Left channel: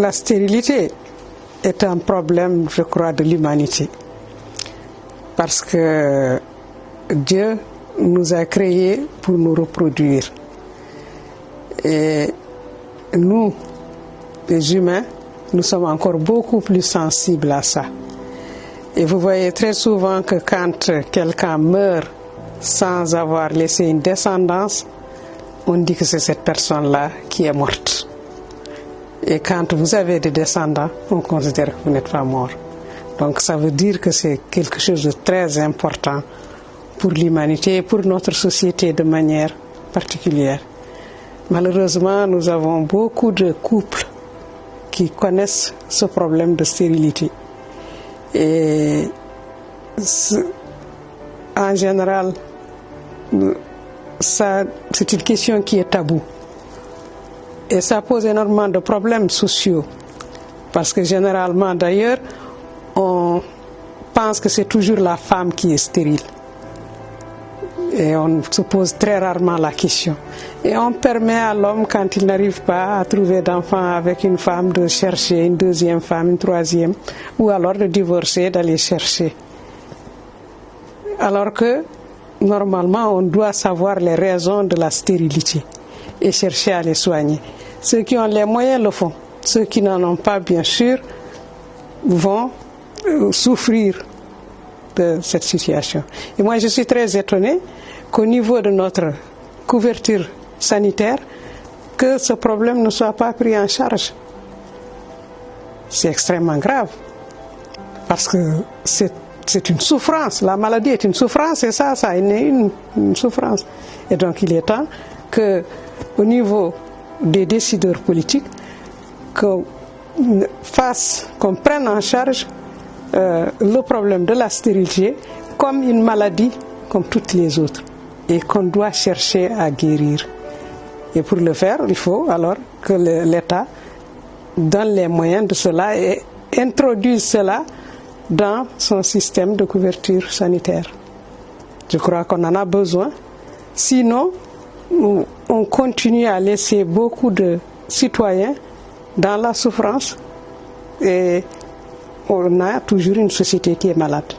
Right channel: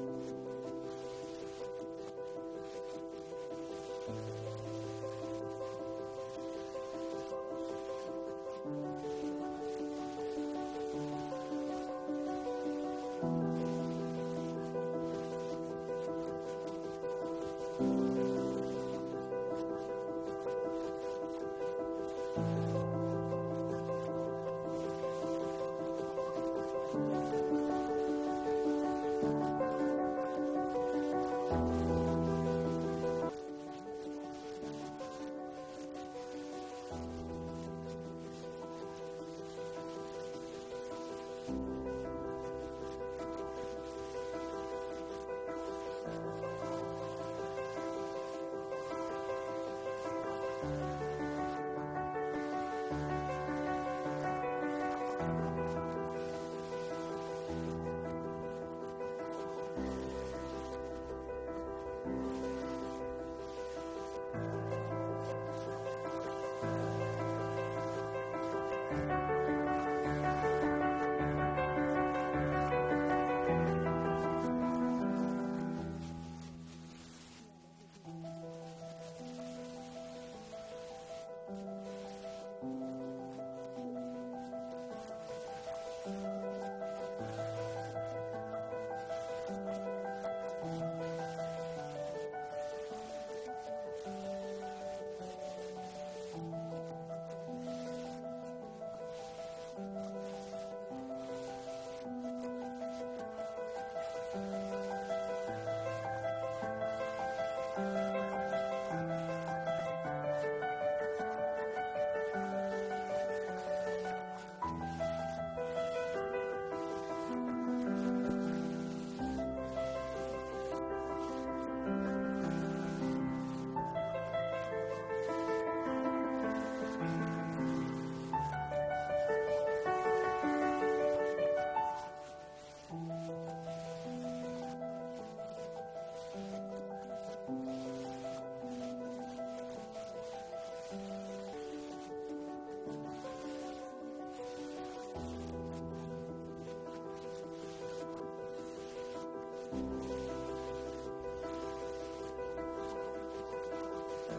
la stérilité est un problème, je crois, de l'humanité. Parce que Dieu nous a créés pour nous reproduire. Et nous, les humains, nous sommes encore beaucoup plus sensibles à ça. Et vous voyez très souvent que quand quelqu'un meurt sans avoir laissé une descendance, on dit que c'est cette personne-là qui est morte. Et quand vous avez des descendants, on considère que vous n'êtes pas mort. Donc ça veut dire que c'est quelque chose de très important pour l'humanité et pour notre société de manière particulière. Malheureusement, nous avons beaucoup de couples qui connaissent ce problème de stérilité. Et en général, c'est une question qui est taboue. Et ça pose énormément de problèmes sociaux. Parce que généralement, d'ailleurs, on pense que c'est toujours la femme qui est stérile. Et on se pose très rarement la question. Et on permet à l'homme, quand il n'arrive pas à trouver d'enfant avec une femme, de chercher une deuxième femme, une troisième, ou alors de divorcer, d'aller chercher. Alors que, normalement, on doit savoir les raisons de la stérilité et chercher à les soigner. Ceux qui ont les moyens le font. Ceux qui n'en ont pas, bien sûr, vont souffrir de cette situation. Et moi, je suis très étonnée qu'au niveau de notre couverture sanitaire, que ce problème ne soit pas pris en charge. C'est extrêmement grave, parce que c'est une souffrance. La maladie est une souffrance, et ça est une souffrance. Et donc, il est temps qu'au niveau des décideurs politiques, qu'on prenne en charge le problème de la stérilité comme une maladie comme toutes les autres et qu'on doit chercher à guérir. Et pour le faire, il faut alors que l'État donne les moyens de cela et introduise cela dans son système de couverture sanitaire. Je crois qu'on en a besoin. Sinon, on continue à laisser beaucoup de citoyens dans la souffrance et on a toujours une société qui est malade.